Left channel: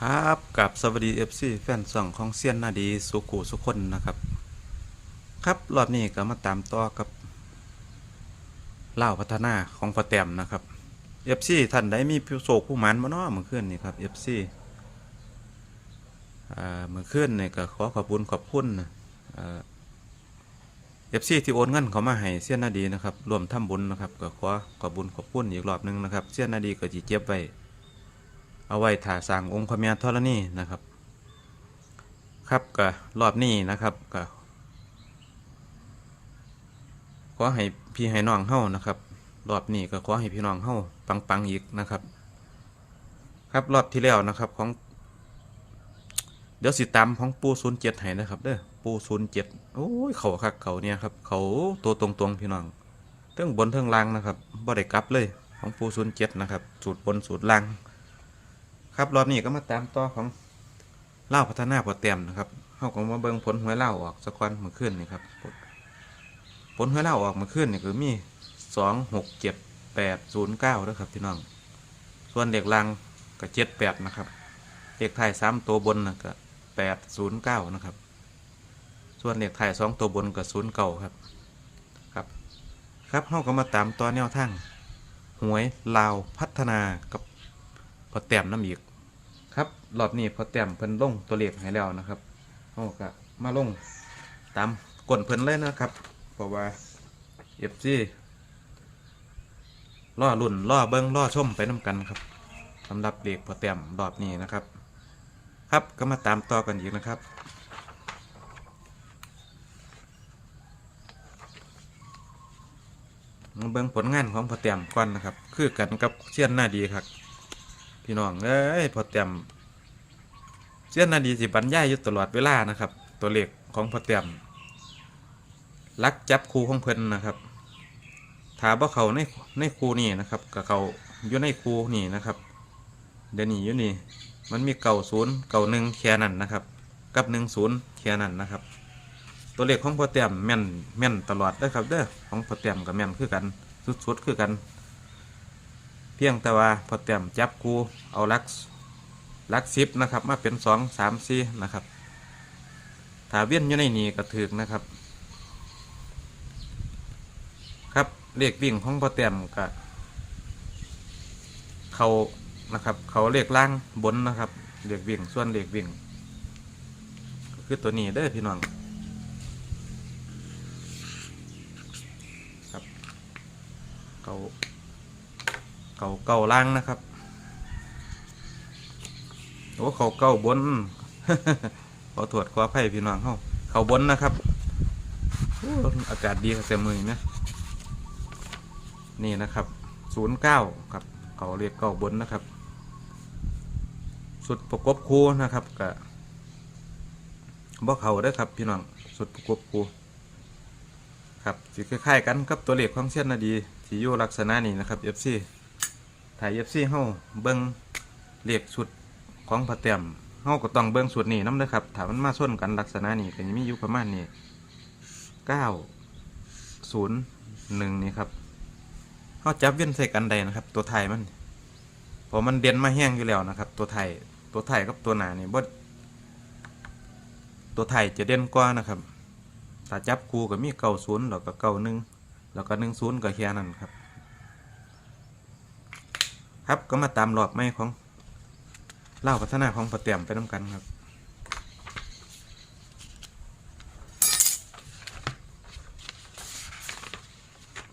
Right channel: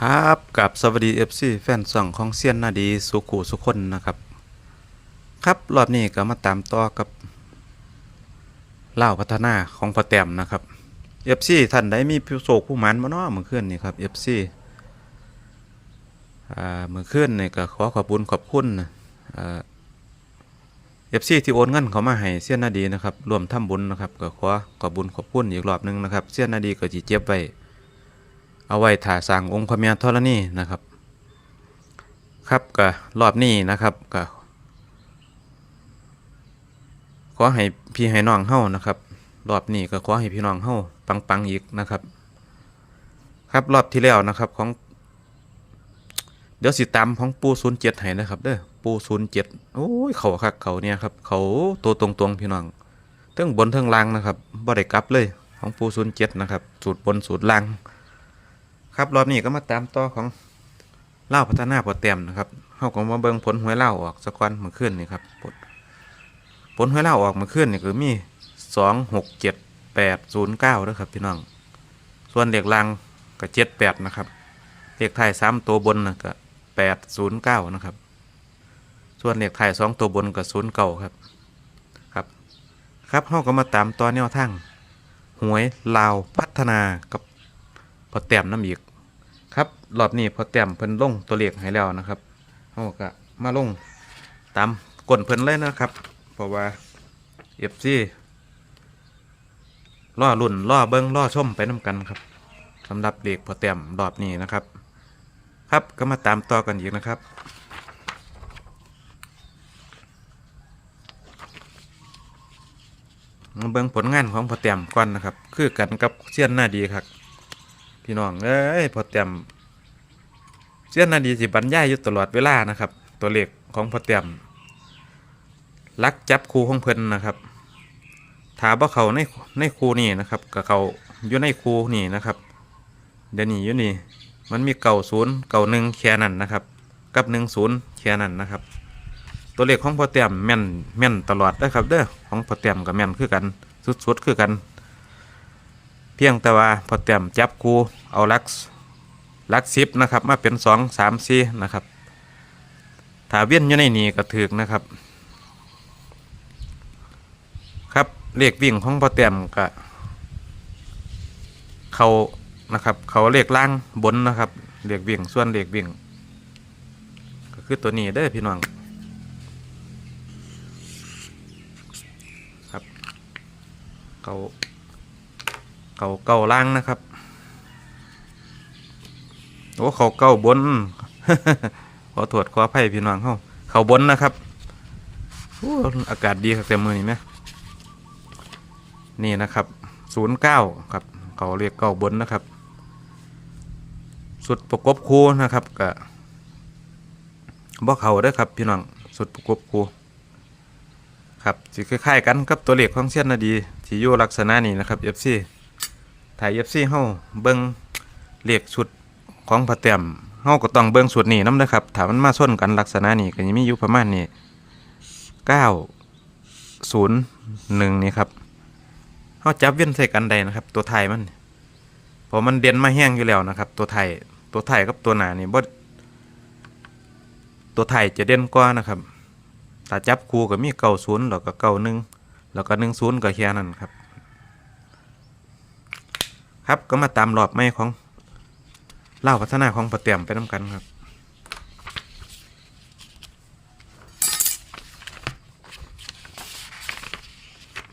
ครับกับสวัสดีเอฟซีแฟนส่องของเซียนนาดีสุขุสุคนนะครับ ครับรอบนี้ก็มาตามต่อกับเล่าพัฒนาของพอแต้มนะครับเอฟซีท่านใดมีผู้โศกผู้หมันมาเนาะเมื่อคืนนี่ครับเอฟซีอ่าเมื่อคืนนี่ก็ขอขอบคุญขอบคุณเอฟซีที่โอนเงินเขามาให้เซียนนาดีนะครับรวมทำบุญนะครับก็ขอขอบุญขอบคุณอีกรอบหนึงนะครับเซียนนาดีก็จีเจ็บไว้ เอาไว้ถ่าสร้างองค์พระเมียธรณีนะครับ ครับก็รอบนี้นะครับก็ขอให้พี่ให้น้องเฮานะครับ รอบนี้ก็ขอให้พี่น้องเฮาปังๆอีกนะครับ ครับรอบที่แล้วนะครับของ เดี๋ยวสิตามของปูศูนย์เจ็ดให้นะครับเด้อปูศูนย์เจ็ดโอ้ยเขาคักเขาเนี่ยครับเขาตัวตรงๆพี่น้องเทั้งบนเทั้งล่างนะครับบ่ได้กลับเลยของปูศูนย์เจ็ดนะครับสูตรบนสูตรล่าง ครับรอบนี้ก็มาตามต่อของเล่าพัฒนาพอเต็มนะครับเขาก็มาเบิ่งผลหวยเล่าออกสักวันเมื่อคืนนี่ครับผลหวยเล่าออกเมื่อคืนนี่คือมีสองหกเจ็ดแปดศูนย์เก้าด้วยครับพี่น้อง ส่วนเลขล่างก็เจ็ดแปดนะครับเลขไทยสามตัวบนนะก็แปดศูนย์เก้านะครับ ส่วนเลขไทยสองตัวบนก็ศูนย์เก้าครับครับครับเขาก็มาตามต่อแนวทางหวยลาวพัฒนากับพอแต้มน้ำอีก ครับรอบนี้พอแต้มเพิ่นลงตัวเลขให้แล้วนะครับเขาก็มาลงตามกลเพิ่นเลยนะครับ เพราะว่าเอฟซีล่อรุ่นล่อเบิ้งล่อชมไปน้ำกันครับสำหรับเลขพอแต้มรอบนี้นะครับ ครับก็มาตามต่อกันอีกนะครับเบิ่งผลงานของพอแต้มก่อนนะครับ คือกันกับเชียนหน้าดีครับ พี่น้องเอ้ยพอเต็มเสี้ยนนาดีสิบรรยายอยู่ตลอดเวลานะครับ ตัวเลขของพอเต็มลักจับครูของเพิ่นนะครับถามว่าเขาในในครูนี่นะครับกับเขาอยู่ในครูนี่นะครับเดี๋ยวนี้อยู่นี่มันมีเก่าศูนย์เก่าหนึ่งแค่นั้นนะครับ กับหนึ่งศูนย์แค่นั้นนะครับ ตัวเลขของพอเต็มแม่นแม่นตลอดนะครับเด้อของพอเต็มกับแม่นคือกันสุดๆคือกัน เพียงแต่ว่าพอเตรียมจับคูเอาลักลักซิปนะครับ มาเป็นสองสามสี่นะครับถ้าเวียนอยู่ในนี้ก็ถือนะครับ ครับเลขวิ่งของพอเตรียมก็เขานะครับเขาเลขล่างบนนะครับเลขวิ่งส่วนเลขวิ่ง ก็คือตัวนี้เด้พี่น้องครับเขา เขาเก่าล่างนะครับโอ้เขาเก่าบนขอตรวจขออภัยพี่น้องเขาเขาบนนะครับอากาศดีครับเต็มมือนี่นะนี่นะครับศูนย์เก้าครับเขาเรียกเก้าบนนะครับ สุดประกบคูนะครับกับบ่เขาเด้ครับพี่น้องสุดประกบคูครับสิคล้ายๆกันกับตัวเลขของเชียนนาดีที่อยู่ลักษณะนี้นะครับ FC ถ่าย FC เฮาเบิ่งเลขชุดของพระเต็มเฮาก็ต้องเบิ่งชุดนี้น้ำนะครับถามมันมาส้นกันลักษณะนี้ก็ยังมีอยู่ประมาณนี้901นี่ครับเฮาจับเว้นใส่กันใดนะครับ ตัวไทยมันเพราะมันเด่นมาแห้งอยู่แล้วนะครับ ตัวไทยตัวไทยกับตัวหนานี่บ่ตัวไทยจะเด่นกว่านะครับถ้าจับคู่ก็มี90แล้วก็91แล้วก็10ก็แค่นั้นครับ ครับก็มาตามหลอกไม้ของเล่าพัฒนาของปะเตียมไปน้ำกันครับ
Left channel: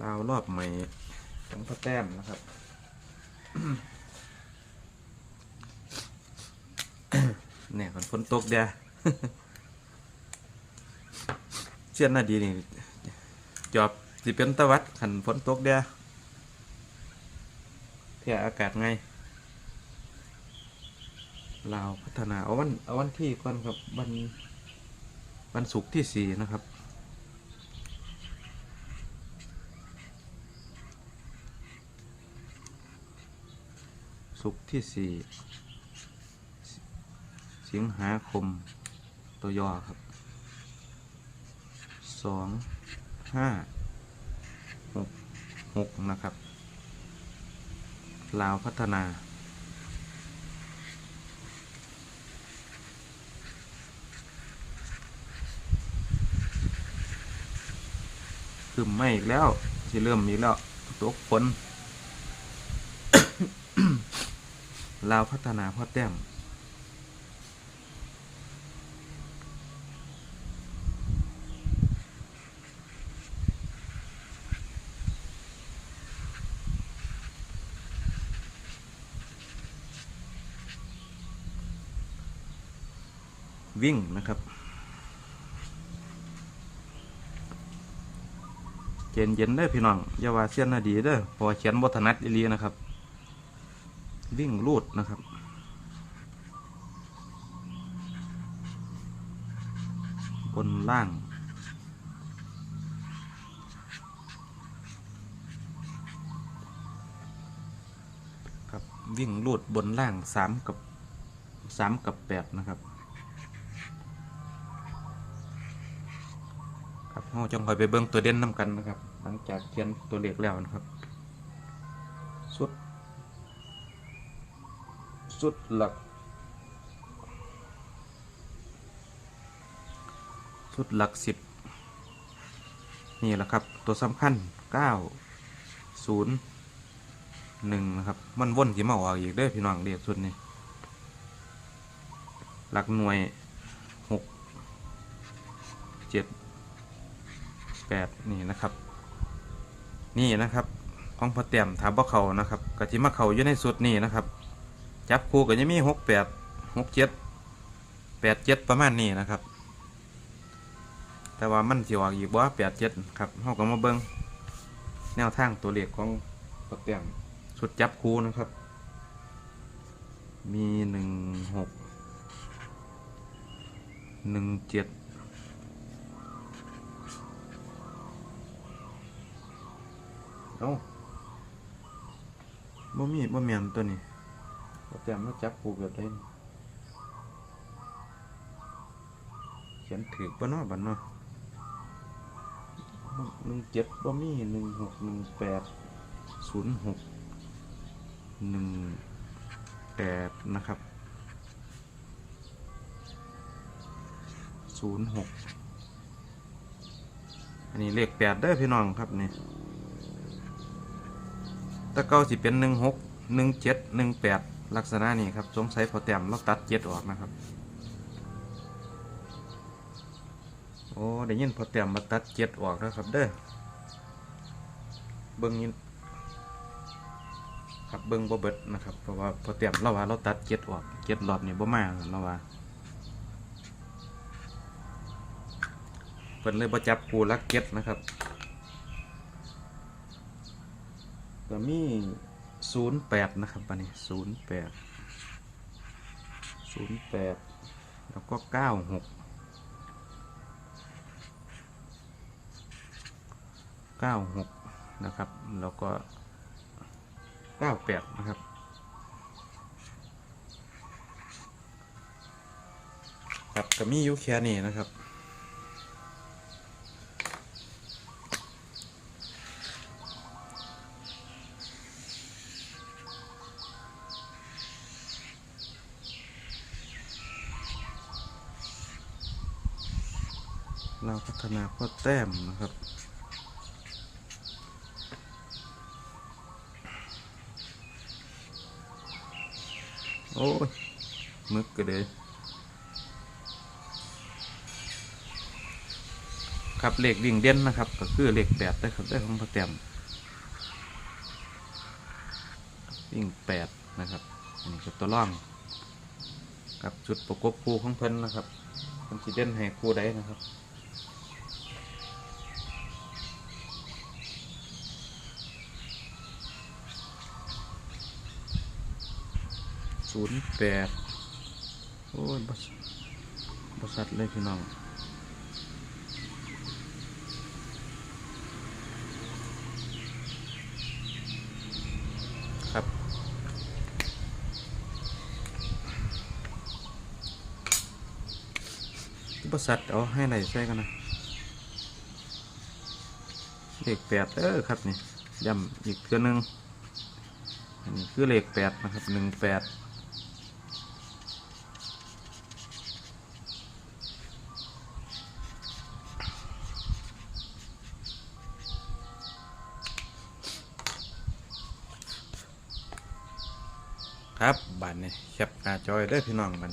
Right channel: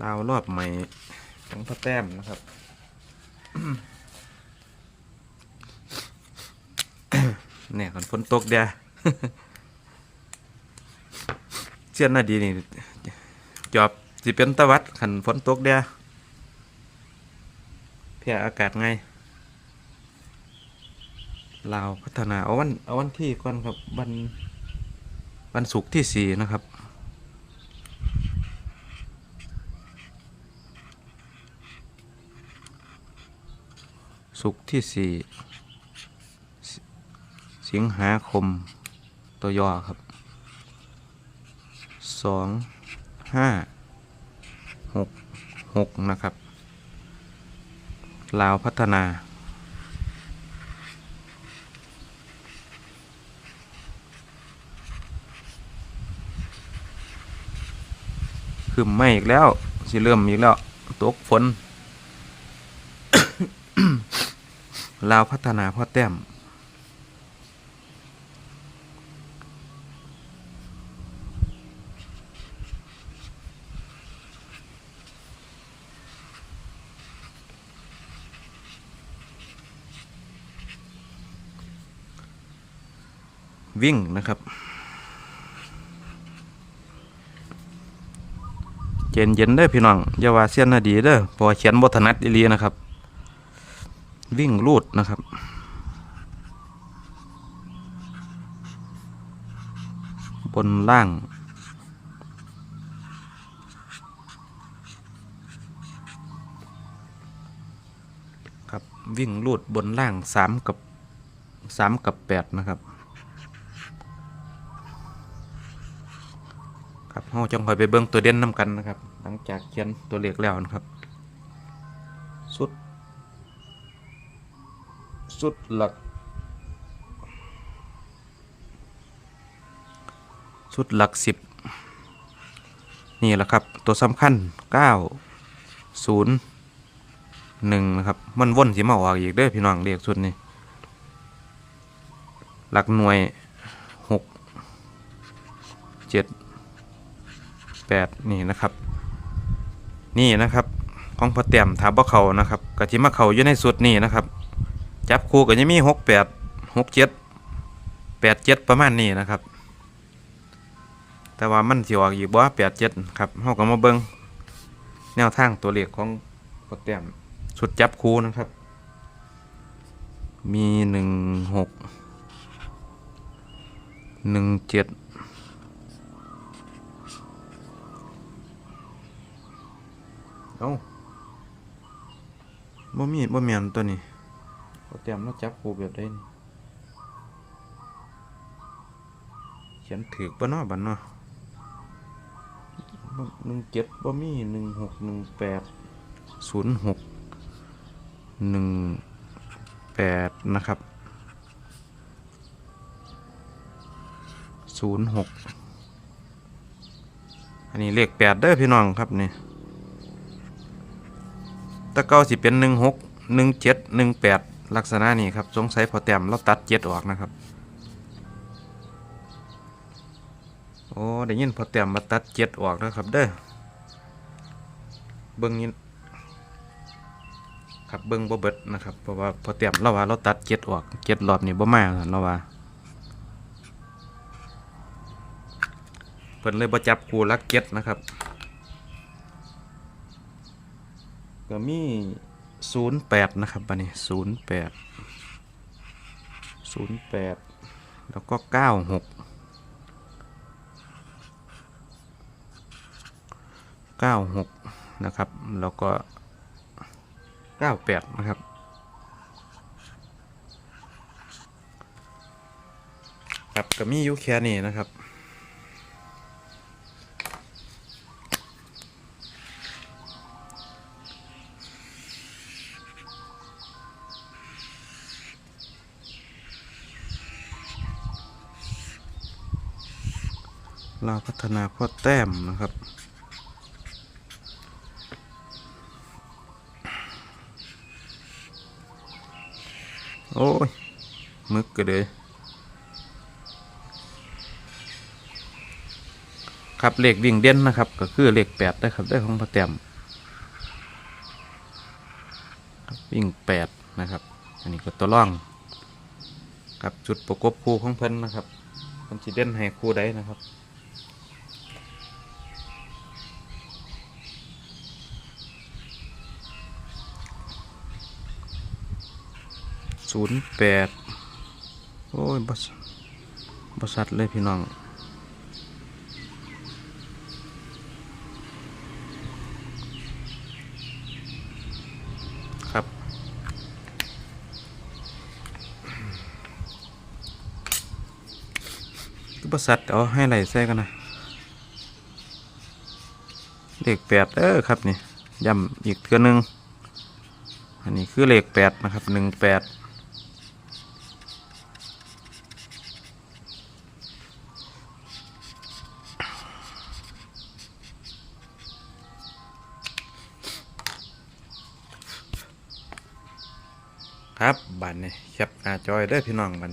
ลาวรอบใหม่ของพระแต้มนะครับเนี่ยคนฝนตกเดียเชื่อหน้าดีนี่จอบสิเป็นตะวัดขันฝนตกเดีย เพียออากาศไงลาพัฒนาเอาวันเอาวันที่ก่อนครับวันวันศุกร์ที่สี่นะครับ ศุกร์ที่สี่สิสิงหาคมตัวย่อครับสองห้าหกหกนะครับ ลาวพัฒนา คือไม่อีกแล้ว สิเริ่มอีกแล้ว ตกฝน ลาวพัฒนาพ่อแต้ม วิ่งนะครับ เย็นเย็นๆเด้พี่น้องอย่าว่าเสียนนาดีเด้อพอเขียนบทนัดอีลีนะครับ วิ่งลูดนะครับบนล่าง ครับวิ่งลูดบนล่างสามกับสามกับแปดนะครับ ครับเราจังคอยไปเบิ่งตัวเด่นน้ำกันนะครับ หลังจากเขียนตัวเลขแล้วนะครับสุดสุดหลัก สุดหลักสิบนี่แหละครับตัวสำคัญเก้าศูนย์หนึ่งนะครับ มันว่นสิมาออกอีกเด้อพี่น้องเรียกสุดนี่หลักหน่วย แปดนี่นะครับ นี่นะครับของพอเต็มถาบ่เขานะครับกะทิมะเขาอยู่ในสุดนี่นะครับ จับคู่กับยี่มีหกแปดหกเจ็ดแปดเจ็ดประมาณนี้นะครับ แต่ว่ามันสิออกอีกบ่8 7ครับเฮาก็มาเบิ่งแนวทางตัวเลขของพอเต็มสุดจับคู่นะครับ มีหนึ่งหกหนึ่งเจ็ด บ่มีบ่แม่นตัวนี้เตรียมมาจับคู่แบบใดนี่เขียนถูกบ่เนาะบัดเนาะหนึ่งเจ็ดบ่มีหนึ่งหกหนึ่งแปดศูนย์หกหนึ่งแปดนะครับศูนย์หกอันนี้เลขแปดเด้อพี่น้องครับนี่ ตะเก้าสิเป็นหนึ่งหกหนึ่งเจ็ดหนึ่งแปดลักษณะนี้ครับสงสัยพอแต้มเราตัดเจ็ดออกนะครับโอ้ได้ยินพอแต้มมาตัดเจ็ดออกแล้วครับเด้อเบิ้งนี้ครับเบิ้งบ่เบิดนะครับเพราะว่าพอแต้มเราว่าเราตัดเจ็ดออกเจ็ดรอบนี่บ่มาเราว่าเพิ่นเลยบ่จับคู่ลักเจ็ดนะครับ ก็มีศูนย์แปดนะครับบันนี้ศูนย์แปดศูนย์แปดแล้วก็เก้าหกเก้าหกนะครับ แล้วก็เก้าแปดนะครับครับก็มีอยู่แค่นี้นะครับ เราพัฒนาข้อแต้มนะครับโอ้ยมึกก็เลยครับเลขวิ่งเด่นนะครับ ก็คือเลขแปดนะครับได้ของพอแต้มวิ่งแปดนะครับ อันนี้ก็ตัวล่องครับจุดประกบคู่ของเพิ่นนะครับมันจะเด่นให้คู่ใดนะครับ ศูนย์แปดโอ้ยบสบสัตเลยพี่น้องครับบสัตเอาให้ไหลใส่กันนะเลขแปดเออครับนี่ย้ำอีกเทือหนึงอันนี้คือเลขแปดนะครับหนึ่งแปด ครับบันนี่แค ปหน้าจอยเด้พี่น้องบัน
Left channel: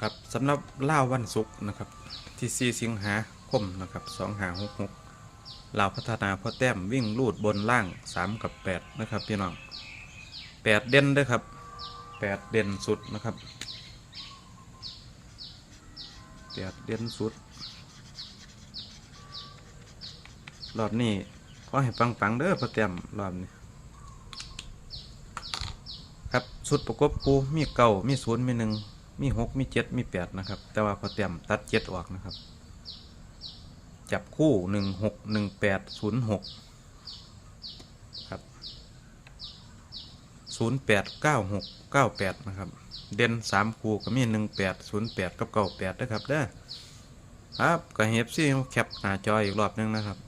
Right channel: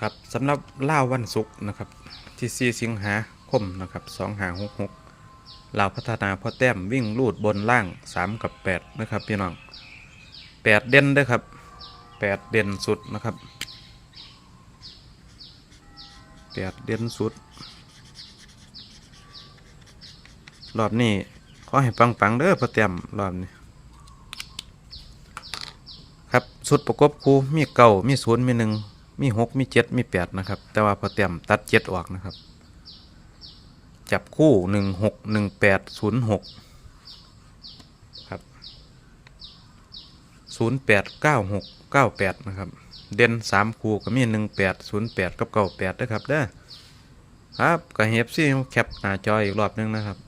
ครับสำหรับล่าวันศุกร์นะครับ ที่ 4 สิงหาคมนะครับ 2 5 6 6 ลาพัฒนาพ่อแต้มวิ่งลูดบนล่าง 3 กับ 8 นะครับพี่น้อง 8 เด่นด้วยครับ 8 เด่นสุดนะครับ 8 เด่นสุด รอบนี้ขอให้ปังๆเด้อพ่อแต้มรอบนี้ครับสุดประกบคูมีเก่ามีศูนย์มีหนึ่งมีหกมีเจ็ดมีแปดนะครับ แต่ว่าพอเตรียมตัดเจ็ดออกนะครับ จับคู่หนึ่งหกหนึ่งแปดศูนย์หกครับศูนย์แปดเก้าหกเก้าแปดนะครับ เด่นสามคู่ก็มีหนึ่งแปดศูนย์แปดกับเก้าแปดนะครับเด้อครับก็เฮฟซี่แคปหน้าจออีกรอบนึงนะครับ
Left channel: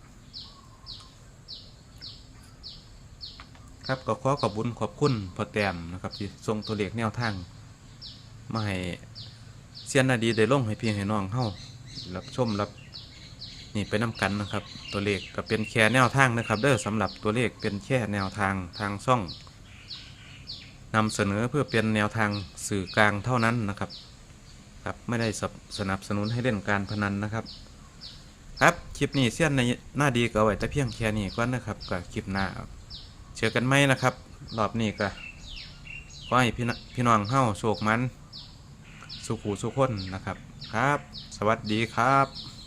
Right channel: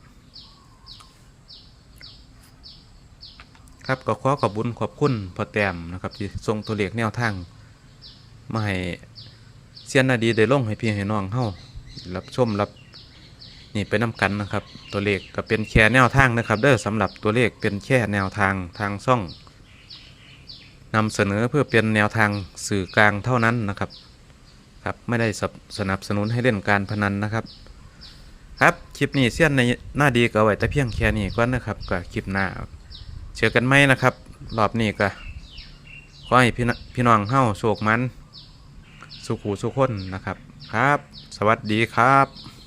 ครับก็ขอขอบคุญขอบคุณพอแต้มนะครับที่ส่งตัวเลขแนวทางมาให้เสียนนาดีได้ลงให้พี่ให้น้องเฮารับชมรับ นี่ไปนำกันนะครับ ตัวเลขก็เป็นแค่แนวทางนะครับ เด้อสำหรับตัวเลขเป็นแค่แนวทางทางช่องนำเสนอเพื่อเป็นแนวทางสื่อกลางเท่านั้นนะครับครับไม่ได้สนับสนับสนุนให้เล่นการพนันนะครับ ครับคลิปนี้เสี้ยนในหน้าดีก็เอาไว้แต่เพียงแค่นี้ก่อนะครับก็คลิปหน้าเจอกันไหมนะครับรอบนี้ก็ขอให้พี่นพี่น้องเฮ้าโชคมัน สุขูสุขคนนะครับครับ สวัสดีครับ